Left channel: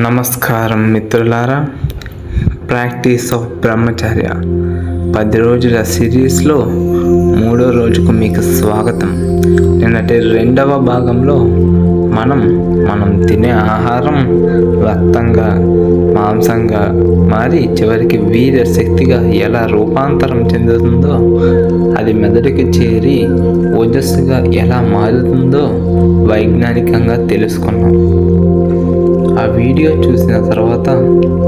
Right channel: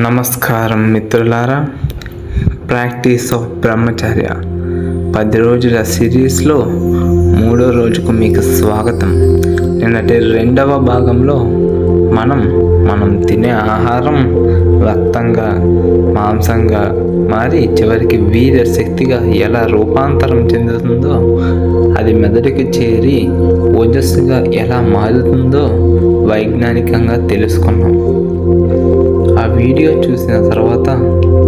నమస్కారం మిత్రులారా, practice of బ్రహ్మచర్య 10 రోజుల సిరీస్లో 3వ రోజుకు మీకు స్వాగతం. నిన్నటి 2వ భాగంలో మనం తినే ఆహారం రక్తంగా మాంసంగా మారి చివరికి వీర్య శక్తిగా ఎలా రూపాంతరం చెందుతుందో, అది మెదడుకి చేరి ఓజస్సుగా ఎలా మారుతుందో వైజ్ఞానికంగా తెలుసుకున్నాం. ఆ వీడియో చూసిన తర్వాత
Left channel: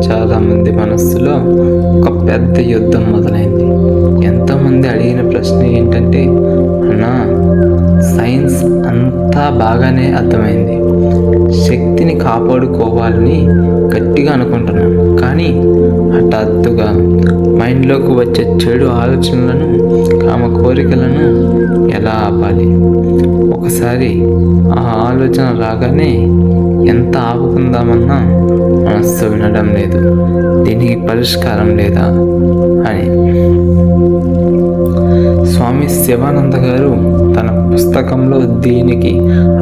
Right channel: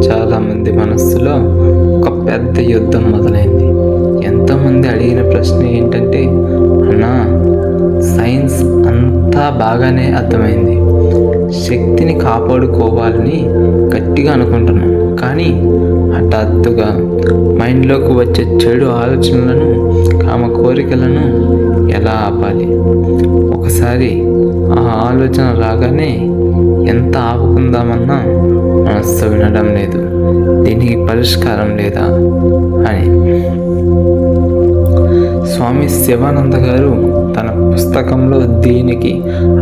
చాలామంది మనస్సులో ఒక పెద్ద యుద్ధం మొదలైంది. ఎంతోమంది అడిగిన ప్రశ్న ఏంటంటే, అన్నా, సైన్స్ అంతా బాగానే అర్థమైంది, శక్తిని కాపాడుకోవాలని గట్టిగా అనుకుంటున్నాం, కానీ హఠాత్తుగా మైండ్లోకి వచ్చే చెడు ఆలోచనలను, కామ కోరికలను ఎలా ఆపాలి? ఒకసారి ఆ ఆలోచన రాగానే ఎంత ఆపుకుందామన్నా మనస్సు వినడం లేదు, దీనికి పరిష్కారం లేదా అని. స్వామి శివానంద గారు తన పుస్తకంలో దీనికి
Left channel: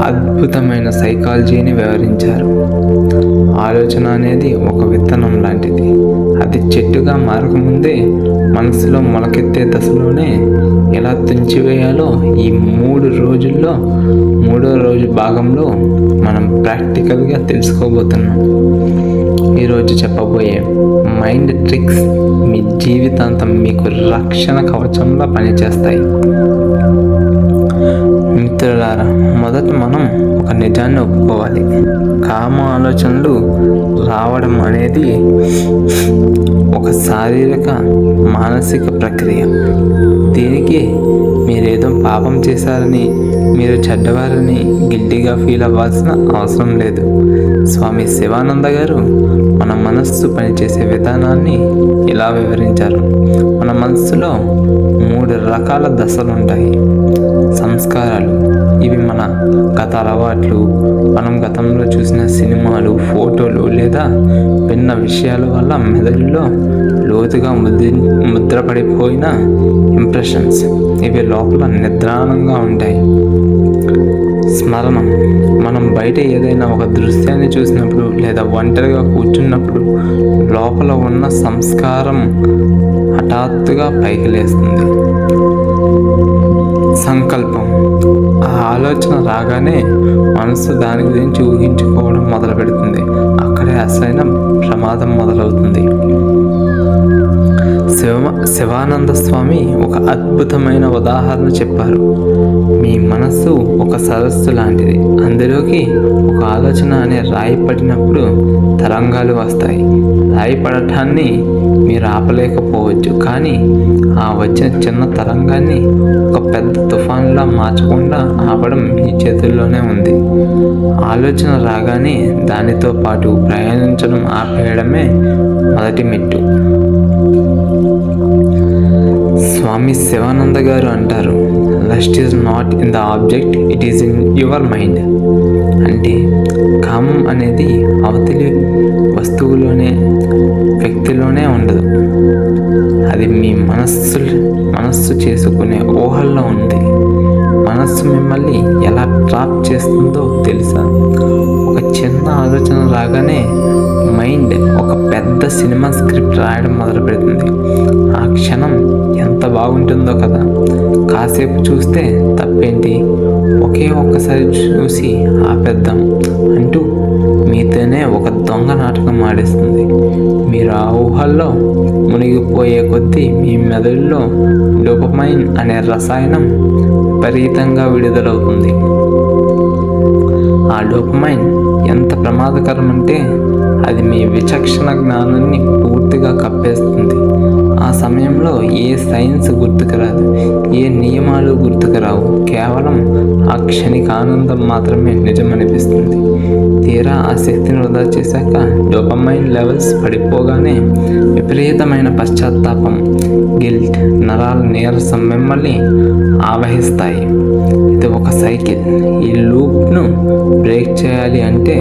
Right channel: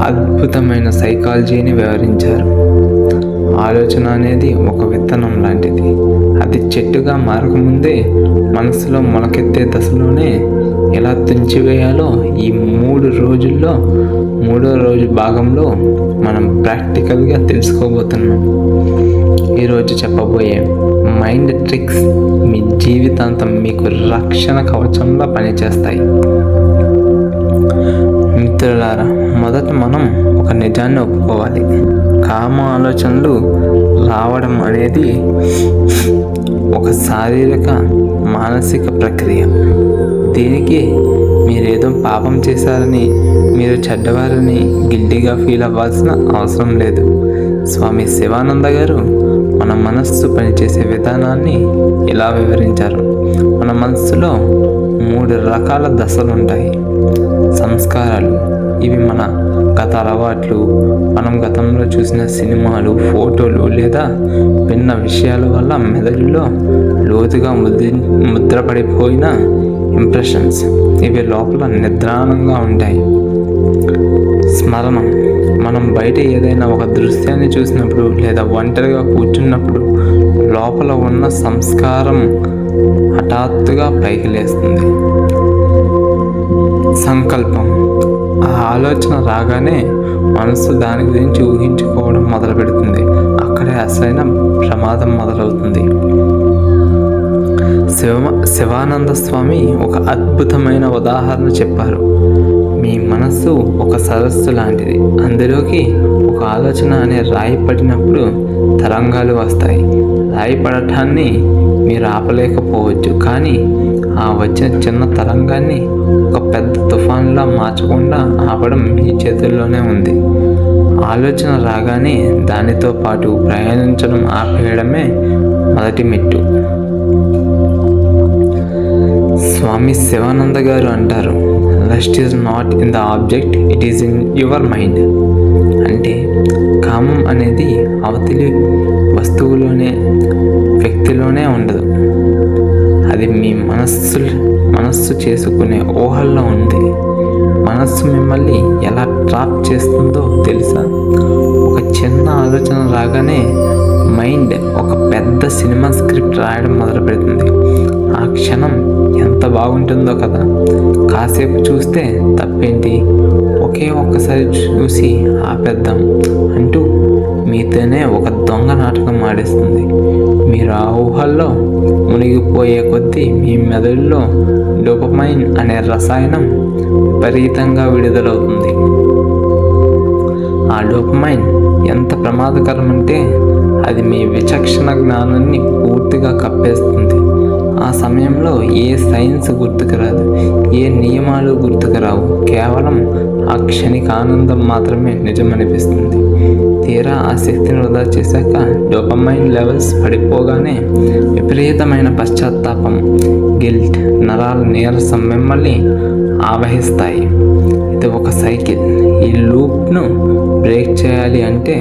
అద్భుతమైన సైకాలజీని వివరించారు. ఆలోచన అనేది ఒక విత్తనం లాంటిది. అది చెట్టుగా మారకముందే మనసులో మొలకెత్తే దశలోనే ఎలా తుంచివేయాలో ఈ 3 రోజుల్లో 3వ రోజు భాగంలో మనం ప్రాక్టికల్గా తెలుసుకోబోతున్నాం. ఈరోజు చెప్పబోయే మైండ్ ట్రిక్స్ మీ జీవితాంతం మీకు రక్షణ కవచంలా పనిచేస్తాయి. మిత్రులారా, మొదట మనం ఒక నిజాన్ని ఒప్పుకోవాలి. కామ ఆలోచనలు రావడం అనేది ఒక శారీరక మానసిక ప్రక్రియ. దీనికి మీరేదో పాపం చేశారని, మీరు చెడ్డవారని గిల్టీగా ఫీల్ అవ్వాల్సిన అవసరం లేదు. స్వామి శివానంద గారు మన మనస్సు పనిచేసే విధానాన్ని ఇలా వివరించారు. మన మనస్సులో 3 రకాల దశలు ఉంటాయి. సంస్కారాలు, ఇవి మన గత అలవాట్లు, మనం గతంలో చూసిన సినిమాలు, ఫోటోలు లేదా విన్న విషయాల వల్ల మెదడులో లోతుగా ముద్రపడిపోయిన ఇంప్రెషన్స్. ఇవి లోపల నిద్రాణంగా ఉంటాయి. స్మరణం, మనం బయట ఏదైనా ఒక దృశ్యాన్ని చూసినప్పుడు లేదా ఒంటరిగా కూర్చున్నప్పుడు లోపల ఉన్న సంస్కారం హఠాత్తుగా పైకి లేస్తుంది. సంకల్పం, ఆ ఆలోచన రాగానే మనసు దాని గురించి ఊహించుకోవడం మొదలు పెడుతుంది. అక్కడే అసలైన ప్రమాదం మొదలవుతుంది. శివానంద స్వామి ఒక అద్భుతమైన ఉదాహరణ చెప్పారు. మీ మనస్సు ఒక సరస్సు లాంటిది. అందులోకి ఒక ఆలోచన అనే రాయి పడినప్పుడు తరంగాలు వస్తాయి. రాయి పడటాన్ని మీరు ఆపలేకపోవచ్చు, కానీ ఆ వచ్చిన చిన్న తరంగాన్ని ఒక పెద్ద తుఫాన్లా మార్చకుండా ఆపడం మీ చేతుల్లోనే ఉంది. ఆలోచన రాగానే దానితో పాటు ప్రయాణించడం ఆపేయడమే మొదటి మెట్టు. స్వామి శివానంద గారు అంటారు, lust is not in the object, it is in your mind. అంటే కామం అనేది అవతలి వస్తువులోనే, వ్యక్తిలోనే ఉండదు. అది మీ మనస్సు చేసుకునే ఊహల్లో ఉంది. మనస్సు మిమ్మల్ని ఎలా ట్రాప్ చేస్తుందో తెలుసా? ఒక చిన్న ఆలోచన రాగానే మైండ్ ఒక పెద్ద సినిమా స్క్రిప్ట్ రాయడం మొదలు పెడుతుంది. ఆ క్షణం ఎంత బాగుంటుందో కదా, కాసేపు చూస్తే తప్పేంటి, ఒక్కసారి చూసి ఆపేద్దాం అంటూ మీతోనే ఒక దొంగ నాటకం ఆడేస్తుంది. మీరు ఆ ఊహల్లో మునిగిపోయే కొద్దీ మీ మెదడులో డోపమైన్ అనే రసాయనం విపరీతంగా విడుదలవుతుంది. ఆ డోపమైన్ ఎంత ప్రమాదకరం అంటే అది మీ విచక్షణ జ్ఞానాన్ని పూర్తిగా కప్పేస్తుంది. ఆ సమయంలో ఏ సైన్స్ గుర్తుకు రాదు, ఏ నియమాలు గుర్తుకు రావు. కేవలం ఆ క్షణిక ఆనందం మాత్రమే నిజమనిపిస్తుంది. తీరా ఆ శక్తిని వృధా చేశాక డోపమైన్ లెవెల్స్ పడిపోగానే విపరీతమైన పశ్చాత్తాపం, గిల్ట్, నరాల నీరసం మిమ్మల్ని ఆవహిస్తాయి. ఇది ఒక సైకిల్. ఈ లూప్ను బ్రేక్ చేయాలి అంటే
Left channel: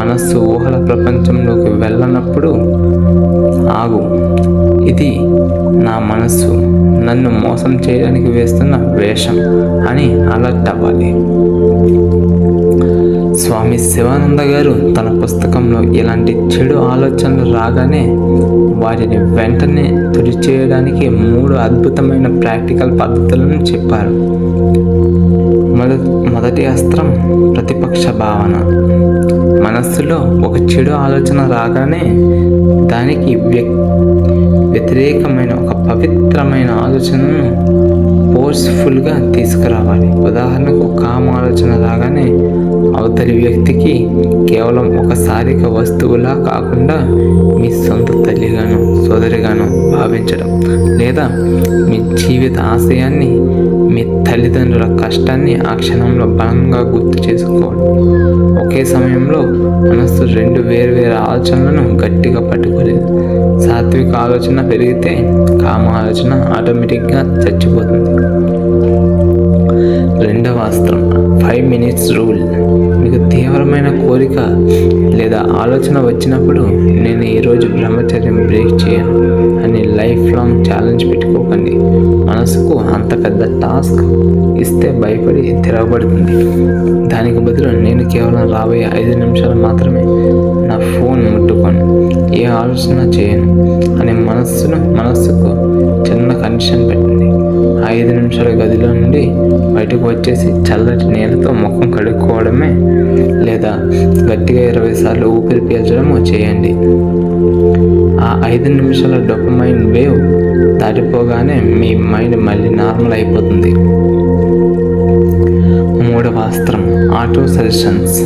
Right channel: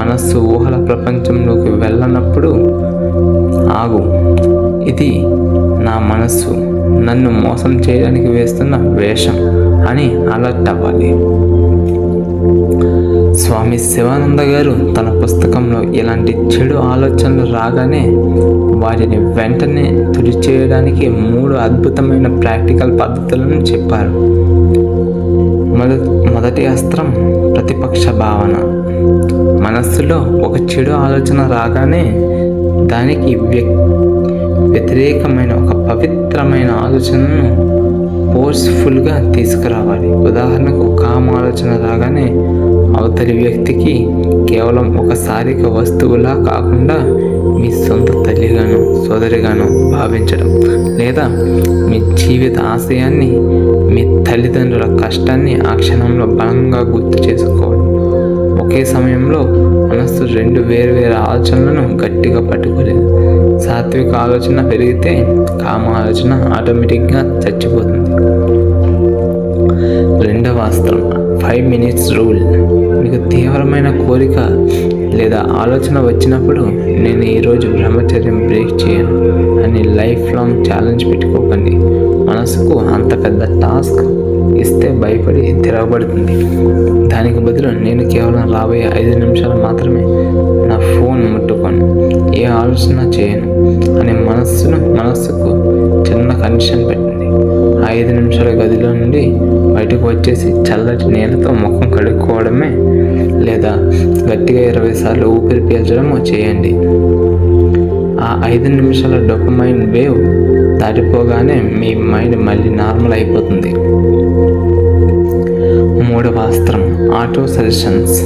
మనస్సు ఊహల ప్రపంచంలోకి వెళ్ళనప్పుడు ఆగు, ఇది నా మనస్సు నన్ను మోసం చేయడానికి వేస్తున్న వేషం అని అలర్ట్ అవ్వాలి. స్వామి శివానంద గారు తన పుస్తకంలో ఇలాంటి చెడు ఆలోచనలు రాగానే వాటిని వెంటనే తుడిచేయడానికి 3 అద్భుతమైన ప్రాక్టికల్ పద్ధతులను చెప్పారు. మొదటి అస్త్రం ప్రతిపక్ష భావన. మనస్సులో ఒక చెడు ఆలోచన రాగానే దానికి వ్యతిరేకమైన ఒక పవిత్రమైన ఆలోచనను ఫోర్స్ఫుల్గా తీసుకురావాలి. ఉదాహరణకు కామ ఆలోచన రాగానే అవతలి వ్యక్తికి కేవలం ఒకసారిక వస్తువులా కాకుండా మీ సొంత తల్లిగాను సోదరిగాను భావించడం, లేదా మీ జీవిత ఆశయాన్ని, మీ తల్లిదండ్రుల కష్టాన్ని ఆ క్షణంలో బలంగా గుర్తు చేసుకోవడం. ఒకే సమయంలో మనస్సు 2 వేర్వేరు ఆలోచనలను గట్టిగా పట్టుకోలేదు. సాత్విక ఆలోచన పెరిగితే కామ ఆలోచన ఆటోమేటిక్గా చచ్చిపోతుంది. రెండవ అస్త్రం 5 minutes రూల్. మీకు తీవ్రమైన కోరిక లేదా ఆలోచన వచ్చినప్పుడు నేను ఈరోజు బ్రహ్మచర్యం బ్రేక్ చేయను అని లైఫ్ లాంగ్ ఛాలెంజ్ పెట్టుకోకండి. మనసుకు అంత పెద్ద టాస్క్ ఇస్తే భయపడి తిరగబడుతుంది. దానికి బదులు నేను కేవలం రాబోయే 5 నిమిషాలు మాత్రమే నా ఫోన్ ముట్టుకోను, ఏ ఆలోచన చేయను అని మనస్సుకు చిన్న కండిషన్ పెట్టండి. 5 నిమిషాల గదిలో నుండి బయటకు వచ్చేసి చల్లటి నీళ్ళతో ముఖం కడుక్కోవడమే లేదా గట్టిగా 20 సార్లు ఊపిరి పీల్చడమో చేయండి. ఆ 5 నిమిషాల డోపమైన్ వేవ్ దాటిపోగానే మీ మైండ్ మళ్ళీ నార్మల్ అయిపోతుంది. మూడవ అస్త్రం ఆటో సజెషన్స్.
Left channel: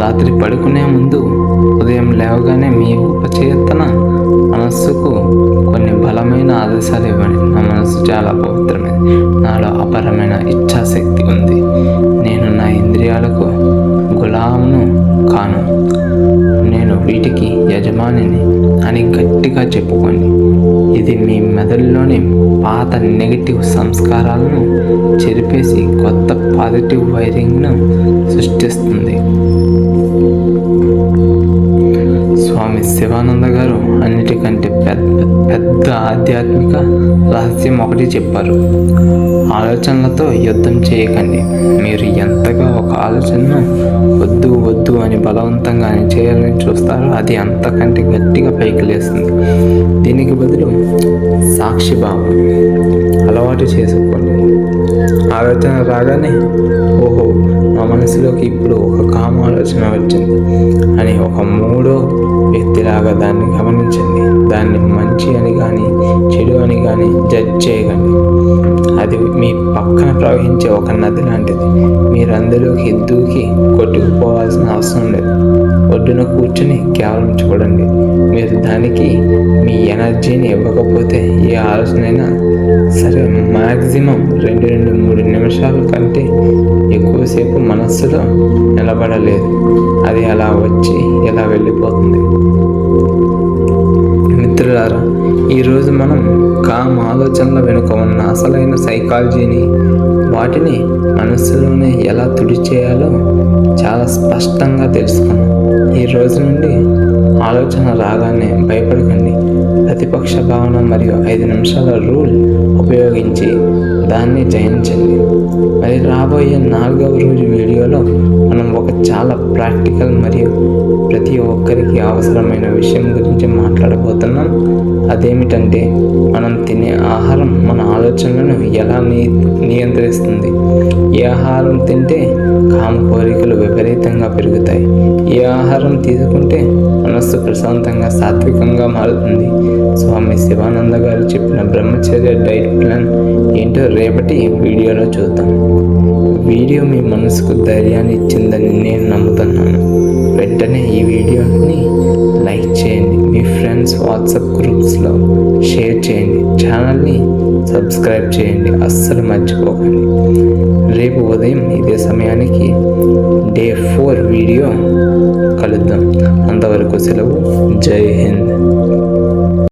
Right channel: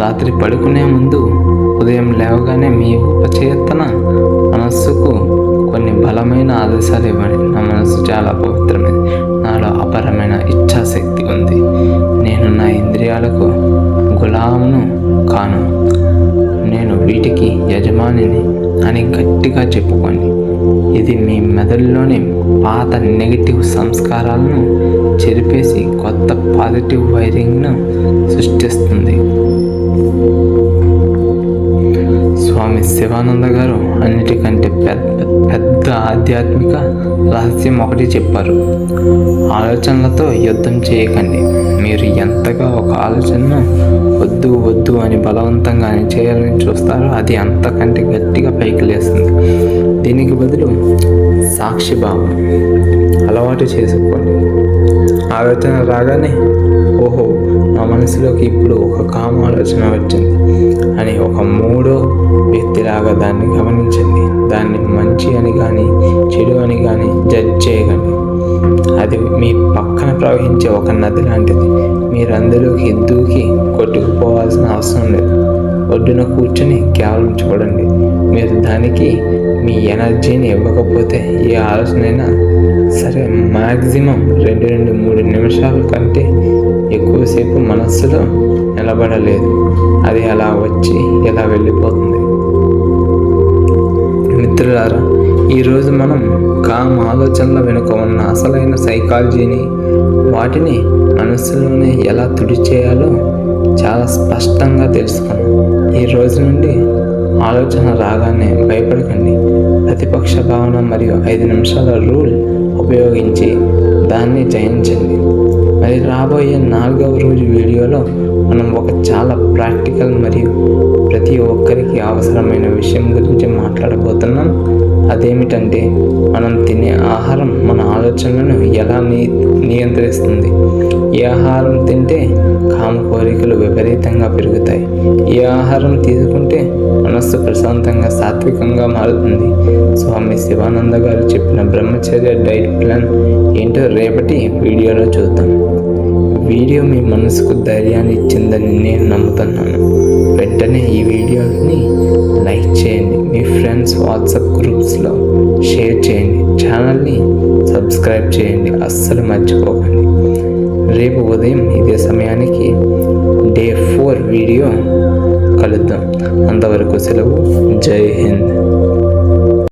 రాత్రి పడుకునే ముందు ఉదయం లేవగానే మీ ఉపచేతన మనస్సుకు కొన్ని బలమైన ఆదేశాలు ఇవ్వండి. నా మనస్సు చాలా పవిత్రమైనది, నాలో అపారమైన ఇచ్ఛాశక్తి ఉంది, నేను నా ఇంద్రియాలకు గులామును కాను, నేను వీటికి యజమానిని అని గట్టిగా చెప్పుకోండి. ఇది మీ మెదడులోని పాత నెగిటివ్ సంస్కారాలను చెరిపేసి కొత్త పాజిటివ్ వైరింగ్ను సృష్టిస్తుంది. స్వామి శివానంద గారు అన్నిటికంటే పెద్ద ఆధ్యాత్మిక రహస్యం ఒకటి చెప్పారు. ఆలోచనలతో యుద్ధం చేయకండి. మీరు ఎంతగా ఒక ఆలోచనను వద్దు వద్దు అని బలవంతంగా చేయాలని చూస్తారో అది అంతకంటే గట్టిగా పైకి లేస్తుంది. దీనికి బదులు సాక్షిభావం అలవాటు చేసుకోండి. ఆలోచన రాగానే ఓహో నా మనసులోకి ఇప్పుడు ఒక కామ ఆలోచన వచ్చింది అని ఒక 3వ వ్యక్తిలాగా దాన్ని గమనించండి. దాన్ని మంచి అని కానీ చెడు అని కానీ జడ్జ్ చేయకండి. అది మీ పక్కన ప్రవహించే ఒక నది లాంటిది. మీరు అందులోకి దూకి కొట్టుకుపోవాల్సిన అవసరం లేదు. ఒడ్డున కూర్చుని కేవలం చూడండి. మీరు దానికి మీ ఎనర్జీని ఇవ్వకపోతే ఏ ఆలోచనైనా సరే మ్యాక్సిమం 2 నుండి 3 నిమిషాల కంటే ఎక్కువసేపు మనస్సులో నిలబడలేదు. అది అలా వచ్చి ఇలా వెళ్ళిపోతుంది. మిత్రులారా, ఈరోజు మనం కామ ఆలోచనల వెనుక ఉన్న అసలైన సైకాలజీని, వాటిని మనస్సులోనే ఎలా తుడిచేయాలో చాలా స్పష్టంగా తెలుసుకున్నాం. ఈ రోజు నుండి ఆలోచన రాగానే భయపడకండి. ప్రతిపక్ష భావన మరియు 5 నిమిషాల రూల్ ఉపయోగించి దాన్ని జయించండి. మరి రాబోయే 4వ రోజు వీడియోలో మనం ఒక చాలా ప్రాక్టికల్ మరియు ప్రతి ఒక్కరికి అవసరమైన విషయం గురించి మాట్లాడబోతున్నాం. అదేమిటంటే మనం తినే ఆహారం మన ఆలోచనలను ఎలా నియంత్రిస్తుంది. ఏ ఆహారం తింటే కామ కోరికలు విపరీతంగా పెరుగుతాయి, ఏ ఆహారం తీసుకుంటే మనస్సు ప్రశాంతంగా సాత్వికంగా మారుతుంది. స్వామి శివానంద గారు చెప్పిన బ్రహ్మచర్య డైట్ ప్లాన్ ఏంటో రేపటి వీడియోలో చూద్దాం. వీడియో మీ మనసుకు ధైర్యాన్ని ఇచ్చిందని నేను నమ్ముతున్నాను. వెంటనే ఈ వీడియోని లైక్ చేయండి, మీ ఫ్రెండ్స్ వాట్సాప్ గ్రూప్స్లో షేర్ చేయండి, ఛానల్ని సబ్స్క్రైబ్ చేయండి, అస్సలు మర్చిపోకండి. రేపు ఉదయం ఇదే సమయానికి డే 4 వీడియో కలుద్దాం. అంతవరకు సెలవు. జై హింద్.